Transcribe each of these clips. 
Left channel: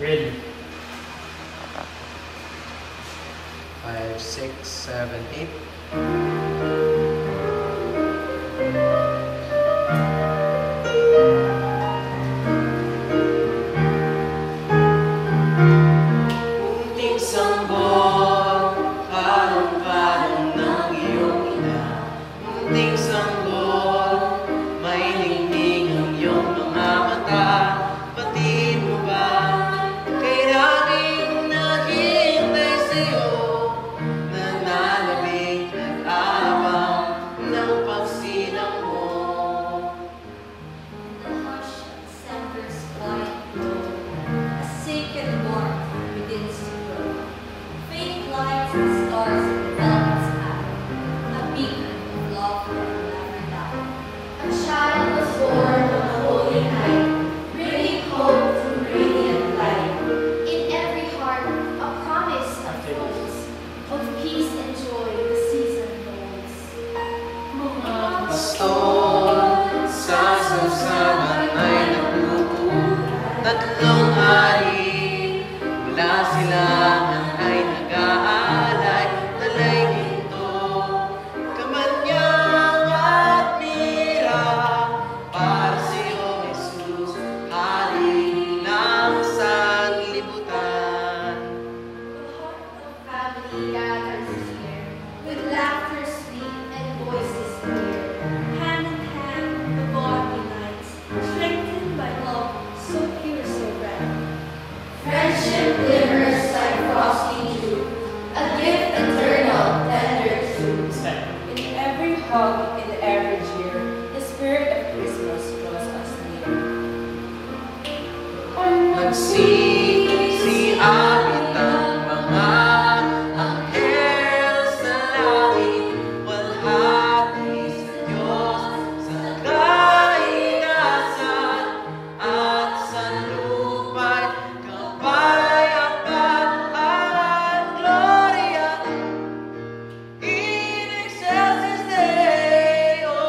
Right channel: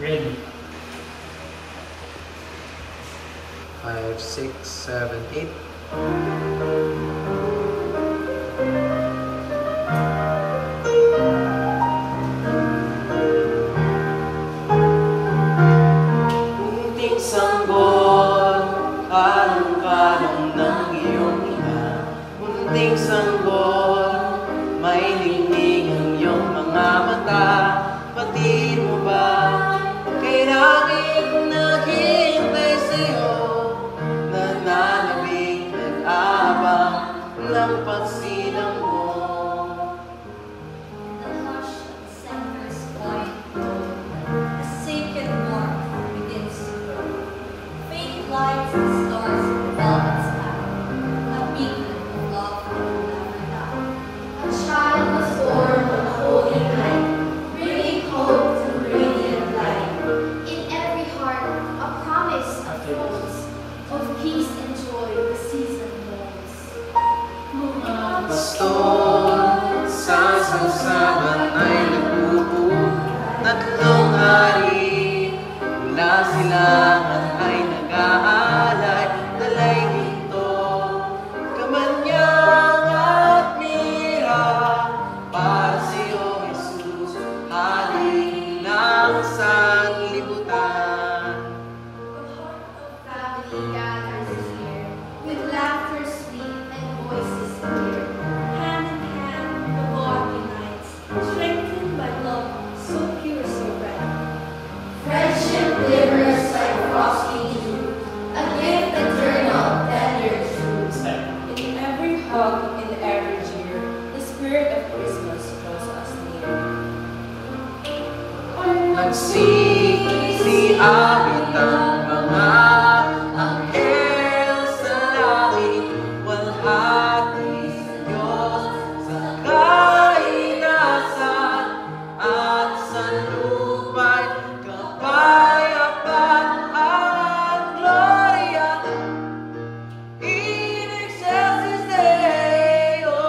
Ready. 5, 6, 7, 8. Munting sanggol, kalong-kalong ng iyong ina. Munting sanggol, may ningning ang iyong mga mata. Batid mo ba kay laging naghihintay sa'yo? Nananabing nag-aabang ng pagsilang mo. The hush of December's quiet glow, a sacred warmth begins to grow. Faint lights and stars in the velvet sky, a beacon of love that will never die. A child was born on a holy night, bringing hope through radiant light. In every heart, a promise unfolds of peace and joy the season holds. Mga pastor sa sangsaman ay nagbubuo. Tatlong hari mula silangan ay nag-aalay. Talay ginto, kamanyang at mira, para sa'yo, Jesus, hari ng sanlibutan. The heart of family gathers here, with laughter sweet and voices clear. Hand in hand, the bond unites, strengthened by love so pure, so bright. Friendship glimmers like frosty dew, a gift eternal, tender true. In every hug, in every cheer, the spirit of Christmas draws us near. Nagsisiawit ang mga anghel sa langit, walhati sa Diyos sa kaitaasan, at sa lupa'y kapayapaan. Gloria in excelsis Deo.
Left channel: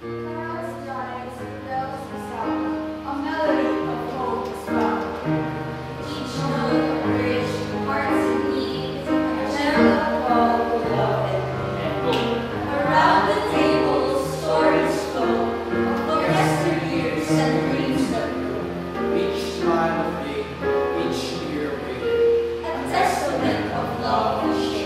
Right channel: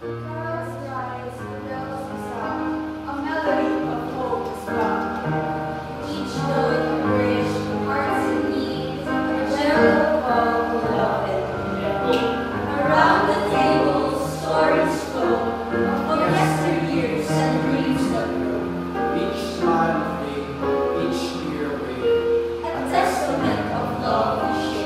Stars rise, bells resound, a melody of hope is found. Each note a bridge to hearts in need, a gentle call to love and care. Around the table, stories flow of yesteryears and dreams that grow. Each smile of faith, each tear of faith. A testament of love we share.